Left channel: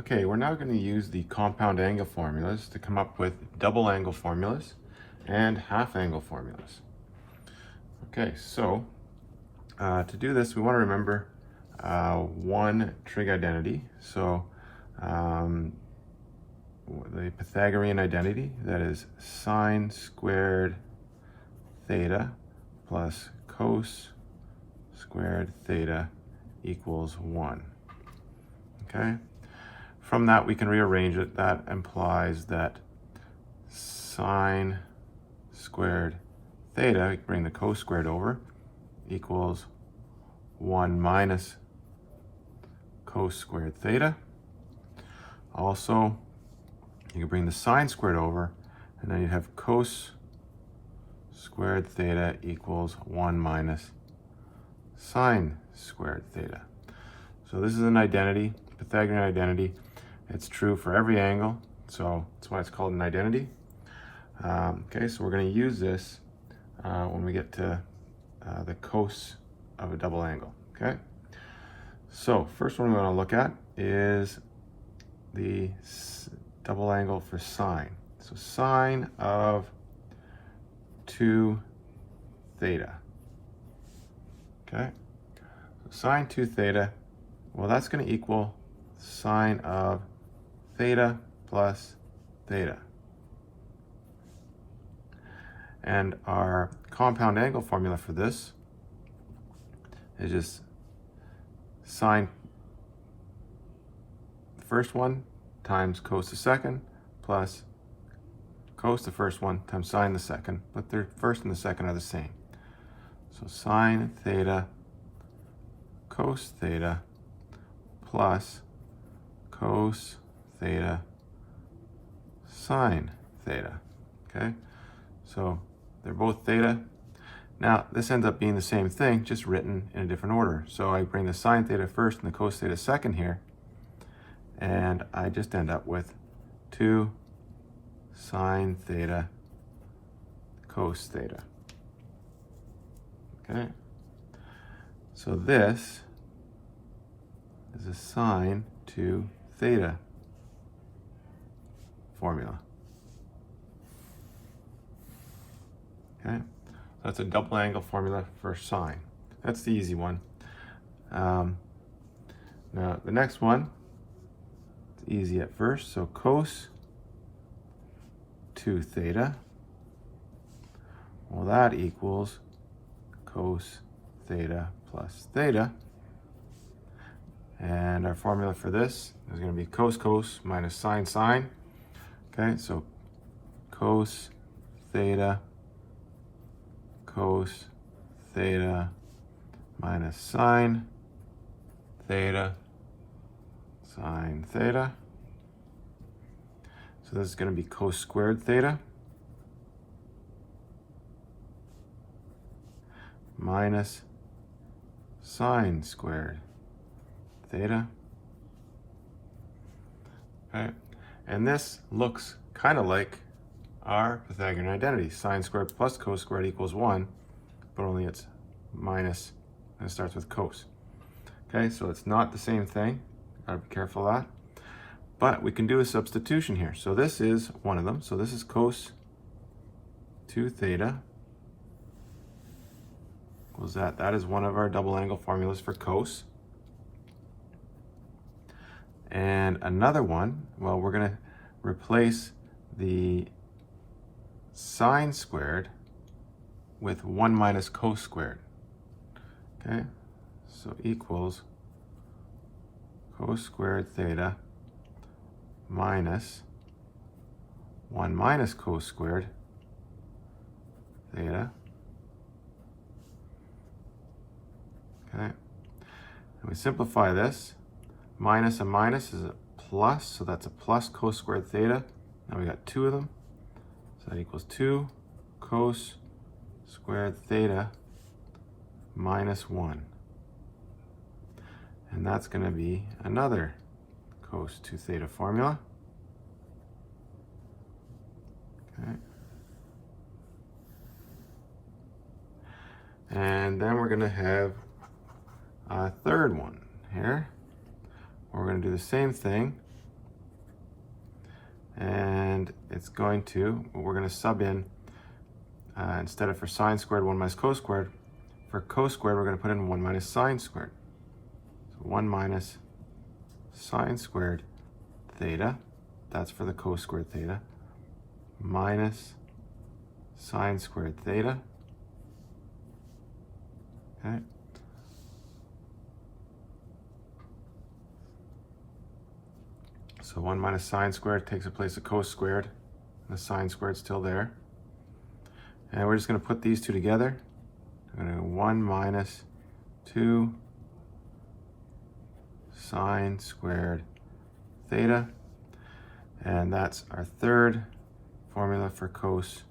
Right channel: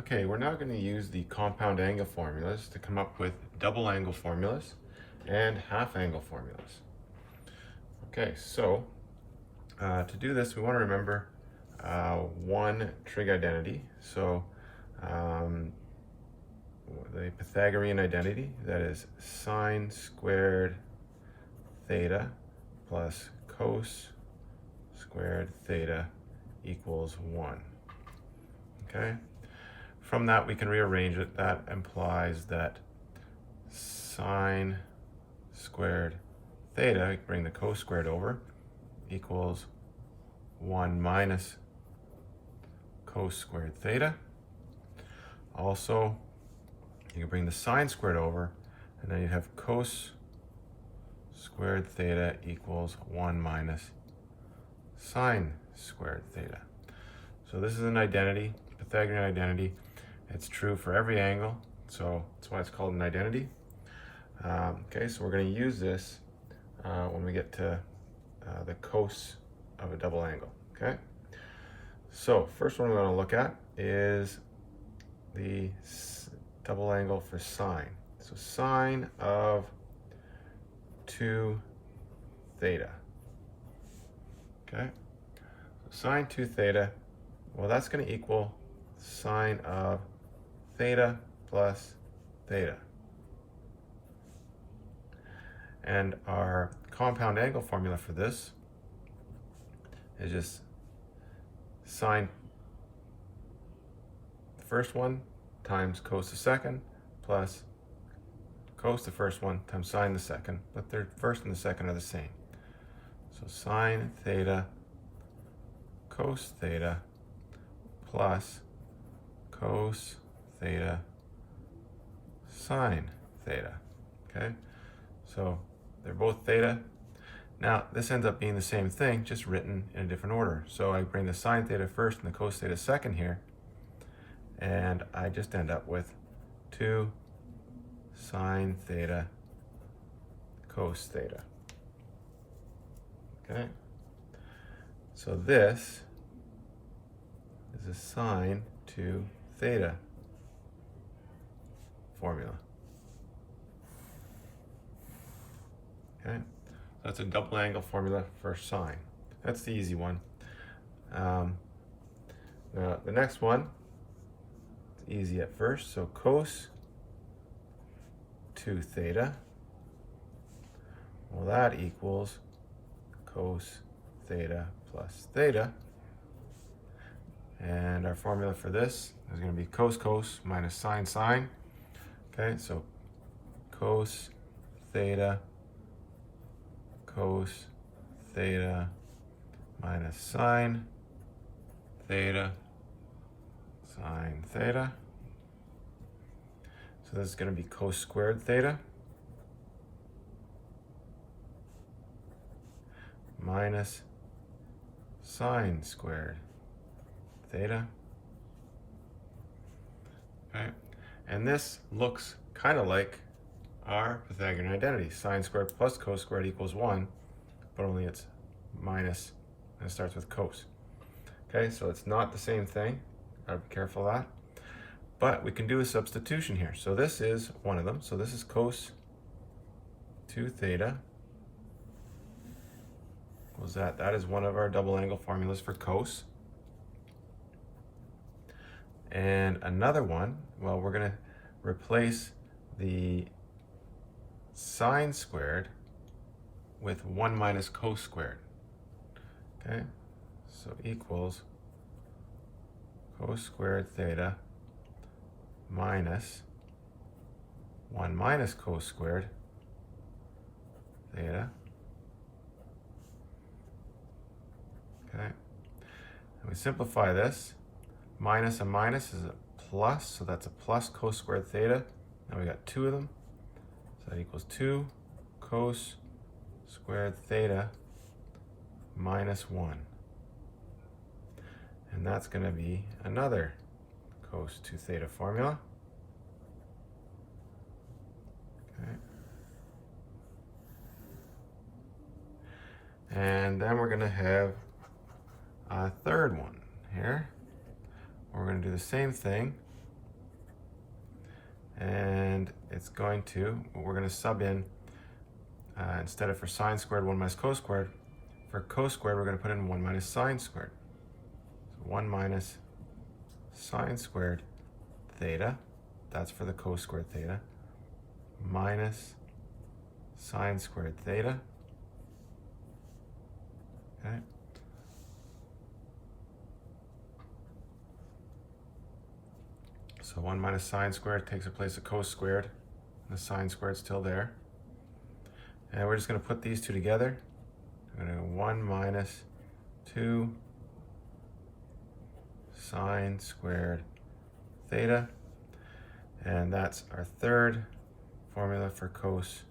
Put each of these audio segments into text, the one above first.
Okay, we're now going to use the compound angle formulas to come up with double angle formulas and half angle formulas. Okay, so to do this, we want to remember one trig identity. So the Pythagorean identity, that is sine squared theta plus cos squared theta equals 1. Okay? From that, we can rearrange it. That implies that sine squared theta, we can bring the cos squared over, equals 1 minus cos squared theta. Also, you can bring the sine squared over, and then you have cos squared theta equals 1 minus sine squared theta. So this is an identity, Pythagorean identity. It's true for every angle, so that's why it's called an identity. Okay, so we're going to use this when we get to the cos of a double angle. Okay, so first one we want to look at is the double angle for sine. So sine of 2 theta. Okay, so sine 2 theta, well, that's going to equal sine of theta plus theta. And our compound angle formula for this is just sine the first one times cos the second plus cos the first one times sine the second, but the first and the second are the same. So sine theta cos theta plus cos theta sine theta. Okay, so they're both theta. Now this ends up being the same thing, just written in a different order. So I bring the sine theta first and the cos theta second here, and I just end up with 2 sine theta cos theta. Okay, so this is a sine to theta formula. Okay, that's a double angle formula for sine. That's the easy one. Now the next one, it's easy at first. So cos 2 theta, well, that equals cos theta plus theta. And our formula for this is going to be cos cos minus sine sine. Okay, so cos theta minus sine theta sine theta. So this is going to be cos squared theta minus sine squared theta. Okay, and this looks kind of like our Pythagorean identity. Sine squared plus cos squared equals 1, but only it's minus, and it starts with cos. Okay, so it's not the same thing. Gotta be careful of that. But we can do a substitution here. So this is one of them. So this is cos 2 theta equals that. That is one of our double angle formulas for cos. And another one, well, we're going to replace the sine squared with 1 minus cos squared. Okay, so equals cos squared theta minus 1 minus cos squared theta. Okay, and we simplify this. Minus a minus is a plus, so that's a plus cos squared theta. Now we got 2 of them, so that equals 2 cos squared theta minus 1. And that's going to be another cos 2 theta formula. Okay. And then we're going to have a third one here. We're going to do the same thing, And it's going to, we're going to sub in, instead of for sine squared, 1 minus cos squared, for cos squared, we're going to put in 1 minus sine squared. So 1 minus sine squared theta, that's for the cos squared theta, minus sine squared theta. Okay. So 1 minus sine squared takes the place of cos squared. The sine squared is still there. And we're just going to put these two together. We're going to go 1 minus 2 sine squared theta. And that's our third formula for cos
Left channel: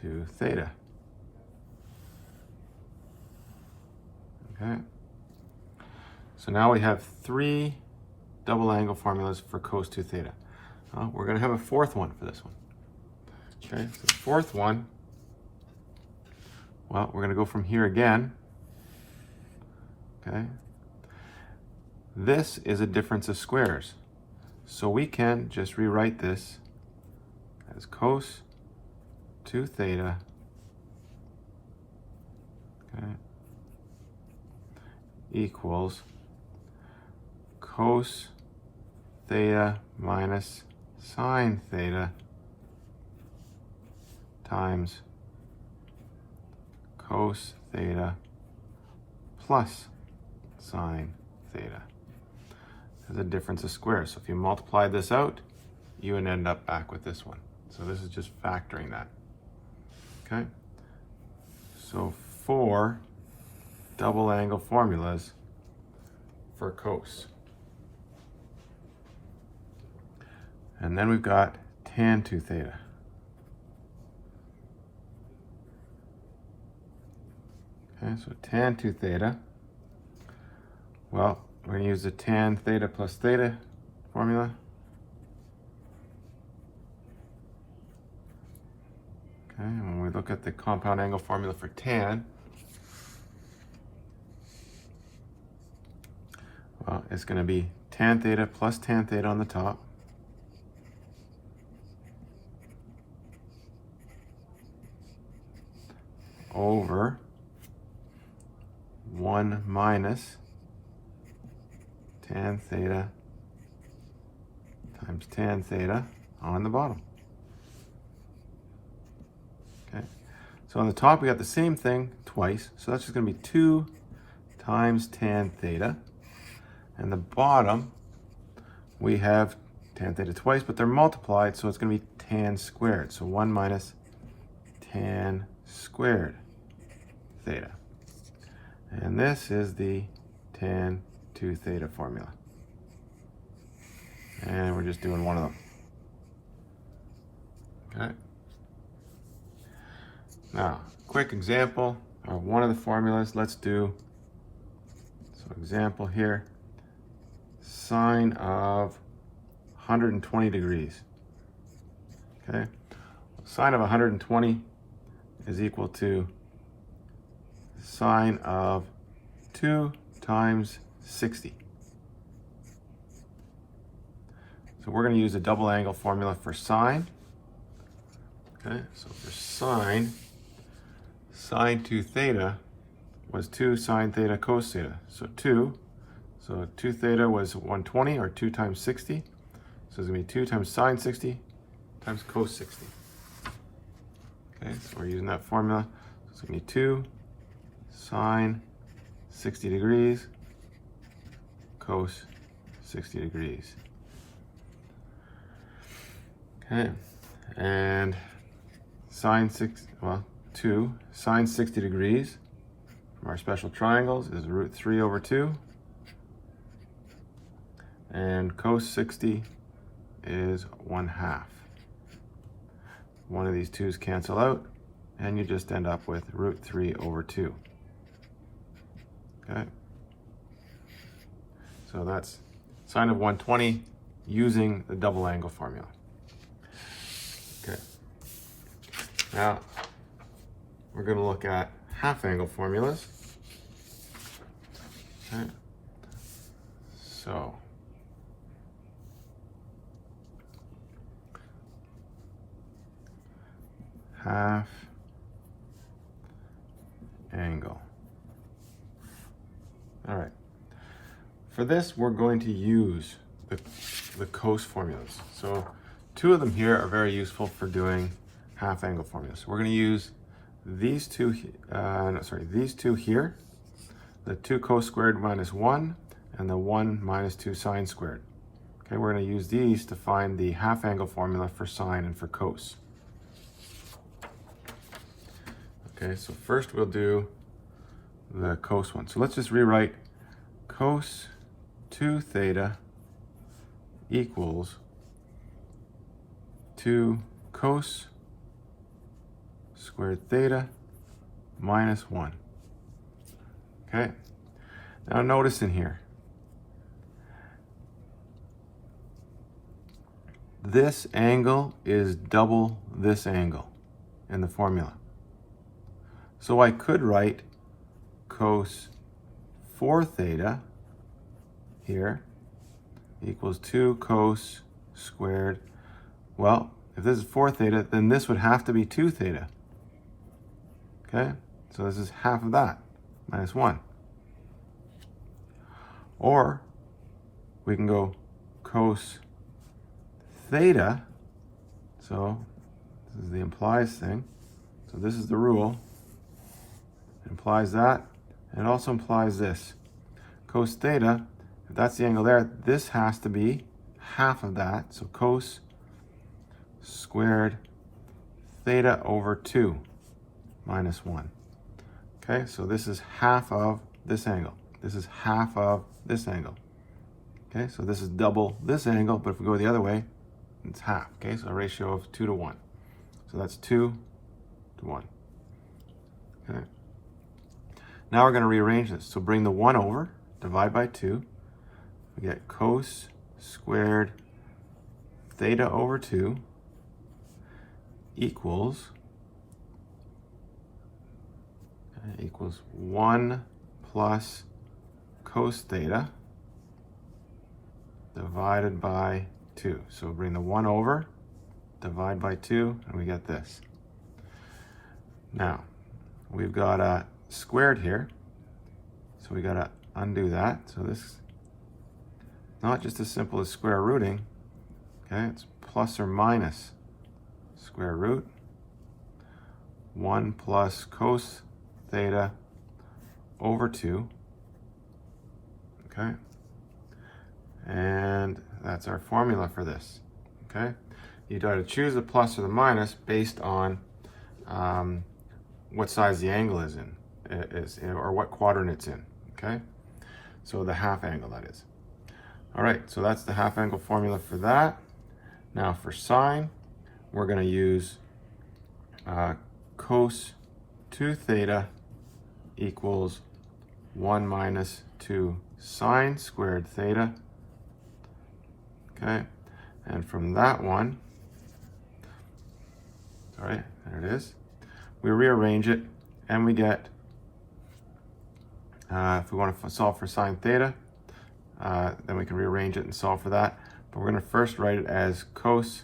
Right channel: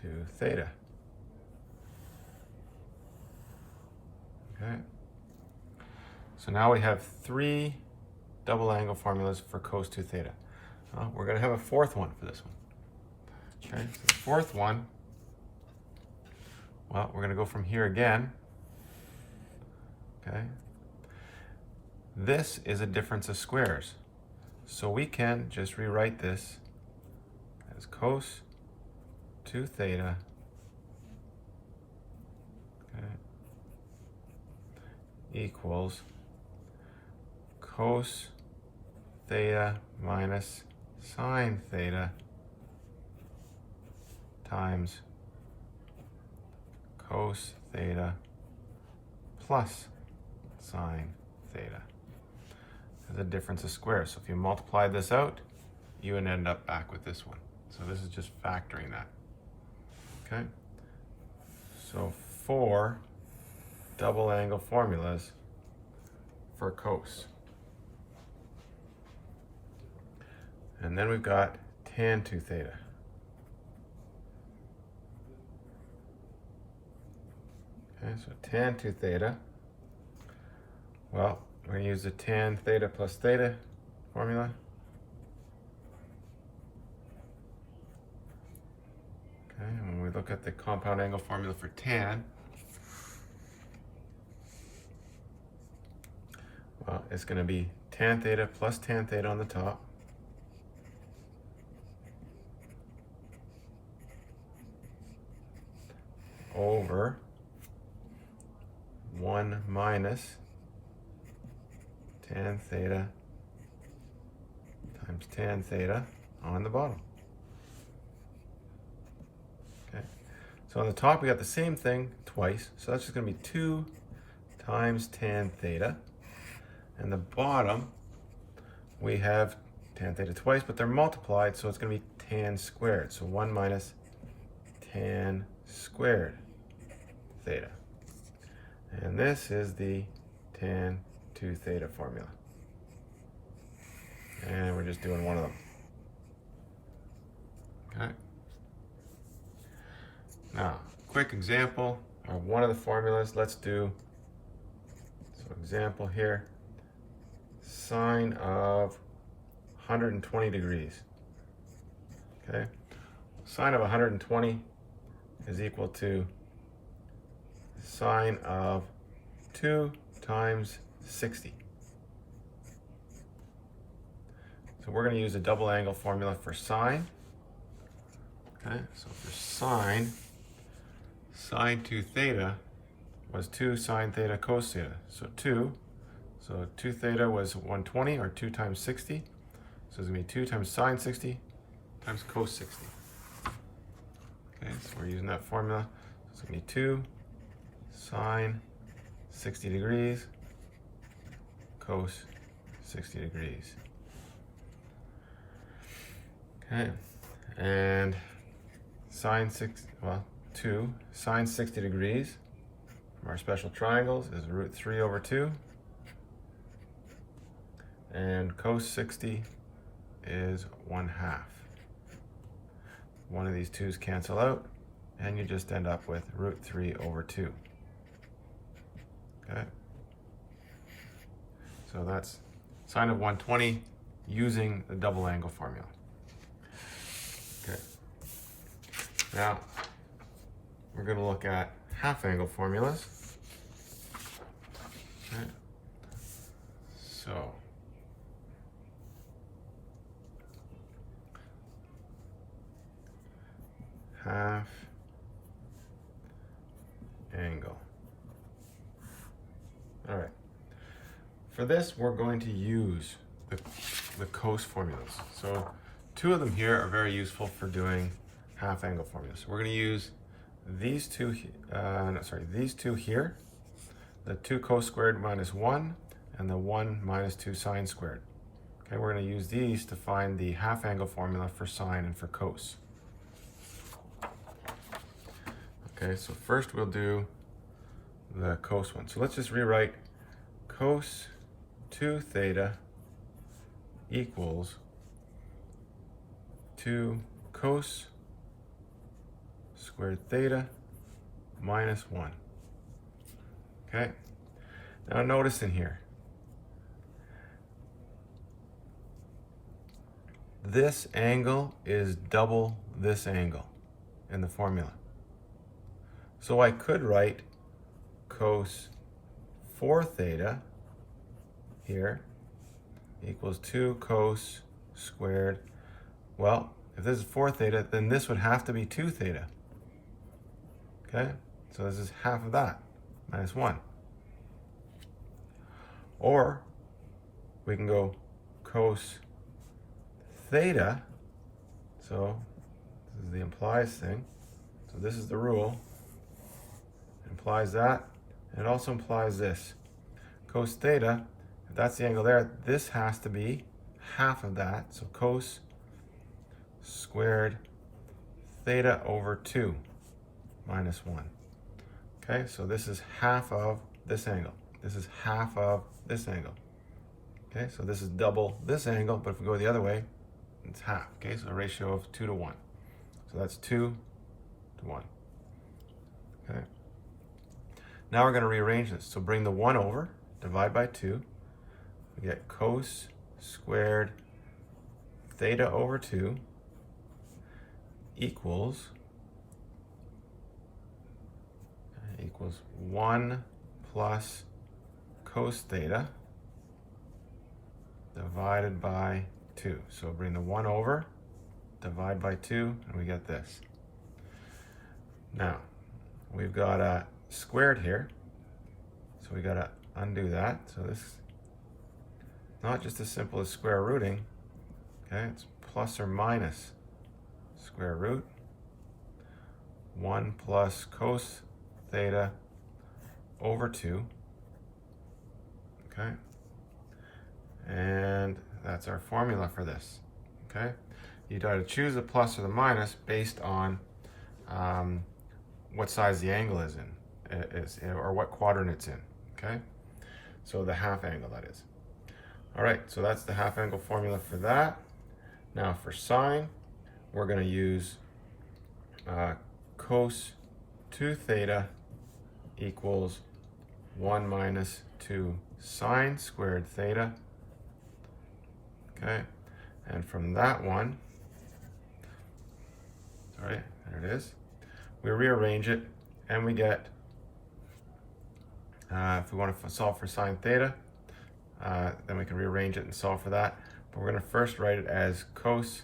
2 theta. Okay. So now we have 3 double angle formulas for cos 2 theta. We're going to have a fourth one for this one. Okay, so the fourth one, well, we're going to go from here again. Okay. This is a difference of squares. So we can just rewrite this as cos 2 theta, okay, equals cos theta minus sine theta times cos theta plus sine theta. As a difference of squares. So if you multiply this out, you would end up back with this one. So this is just factoring that. Okay? So 4 double angle formulas for cos. And then we've got tan 2 theta. Okay, so tan 2 theta. Well, we're going to use the tan theta plus theta formula. Okay, and when we look at the compound angle formula for tan, well, it's going to be tan theta plus tan theta on the top. Over 1 minus tan theta times tan theta on the bottom. Okay, so on the top we got the same thing twice, so that's just going to be 2 times tan theta. And the bottom we have tan theta twice, but they're multiplied, so it's going to be tan squared. So 1 minus tan squared theta. And this is the tan 2 theta formula. And we're just doing one of them. Okay. Now, quick example of one of the formulas. Let's do, so example here, sine of 120 degrees. Okay. Sine of 120 is equal to sine of 2 times 60. So we're going to use a double angle formula for sine. Okay, so for sine 2 theta was 2 sine theta cos theta. So 2 theta was 120, or 2 times 60. So it's going to be 2 times sine 60 times cos 60. Okay, so we're using that formula. So it's going to be 2 sine 60 degrees cos 60 degrees. Okay, and sine 2 sine 60 degrees from our special triangles is root 3 over 2, and cos 60 is 1/2. One of these 2's cancel out, and you just end up with root 3 over 2. Okay, so that's sine of 120 using the double angle formula. Okay, now we're going to look at half angle formulas. Okay, so half angle. All right. For this, we're going to use the cos formulas. So two of them here are very useful for doing half angle formulas. So we're going to use these two, these two here, the 2 cos squared minus 1 and the 1 minus 2 sine squared. Okay, we're going to use these to find the half angle formula for sine and for cos. Okay, so first we'll do the cos one. So let's just rewrite cos 2 theta equals 2 cos squared theta minus 1. Okay, now notice in here, this angle is double this angle in the formula. So I could write cos 4 theta here equals 2 cos squared. Well, if this is 4 theta, then this would have to be 2 theta. Okay, so this is half of that, minus 1. Or we can go cos theta, so this is the implies thing, so this is the rule, it implies that, and it also implies this. Cos theta, if that's the angle there, this has to be half of that, so cos squared theta over 2 minus 1. Okay, so this is half of this angle. This is half of this angle. Okay, so this is double this angle, but if we go the other way, it's half. Okay, so a ratio of 2 to 1. So that's 2 to 1. Okay. Now we're going to rearrange this. So bring the 1 over, divide by 2. We get cos squared theta over 2 equals 1 plus cos theta divided by 2. So bring the 1 over, divide by 2, and we get this. Now, we've got a squared here, so we got to undo that. So this is not just as simple as square rooting. Okay, it's plus or minus square root 1 plus cos theta over 2. Okay, and that's our formula for this. Okay, you got to choose the plus or the minus based on what size the angle is in, or what quadrant it's in. Okay, so the half angle, that is. All right, so that's the half angle formula for that. Now for sine, we're going to use cos 2 theta equals 1 minus 2 sine squared theta. Okay, and from that one, all right, there it is. We rearrange it, and we get, if we want to solve for sine theta, then we can rearrange it and solve for that. But we're going to first write it as cos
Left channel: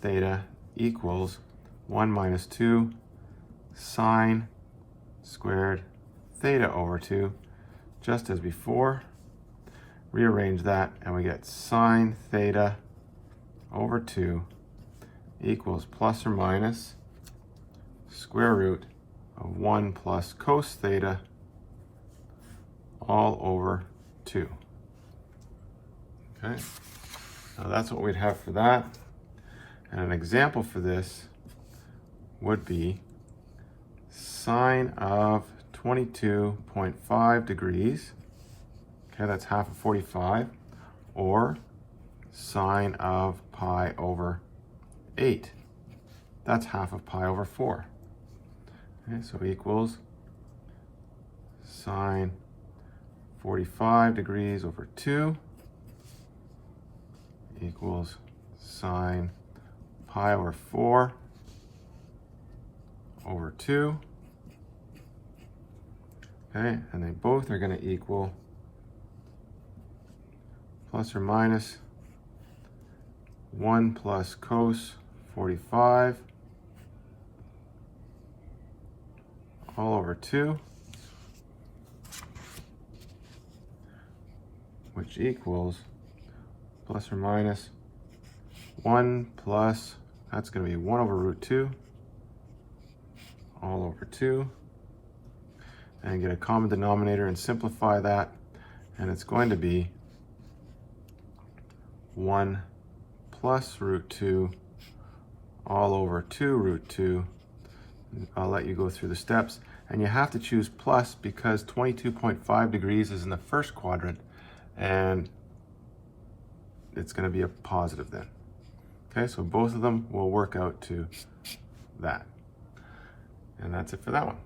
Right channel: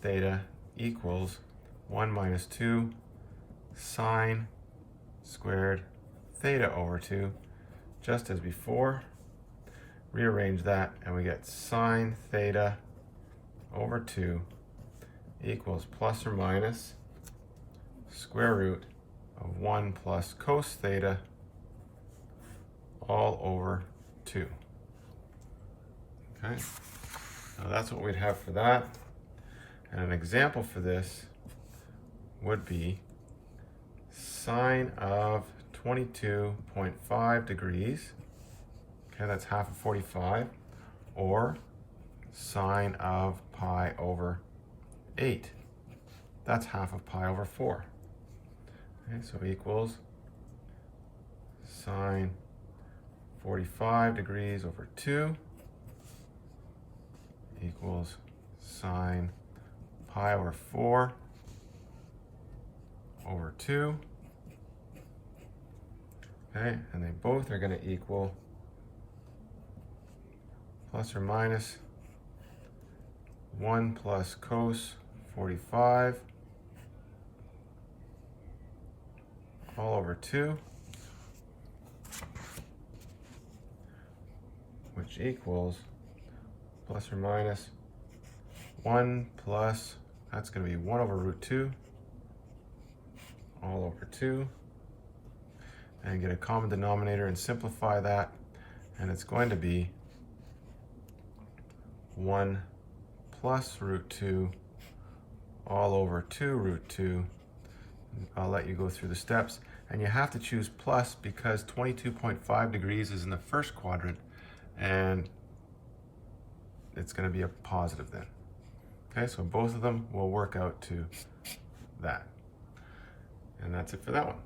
theta equals 1 minus 2 sine squared theta over 2, just as before. Rearrange that, and we get sine theta over 2 equals plus or minus square root of 1 plus cos theta all over 2. Okay, now that's what we'd have for that. And an example for this would be sine of 22.5 degrees. Okay, that's half of 45, or sine of pi over 8. That's half of pi over 4. Okay, so equals sine 45 degrees over 2 equals sine pi over 4 over 2. Okay, and they both are going to equal plus or minus 1 plus cos 45 all over 2, which equals plus or minus 1 plus, that's going to be 1 over root 2, all over 2, and get a common denominator and simplify that, and it's going to be 1 plus root 2 all over 2 root 2. I'll let you go through the steps, and you have to choose plus because 22.5 degrees is in the first quadrant, and it's going to be a positive then. Okay, so both of them will work out to that. And that's it for that one.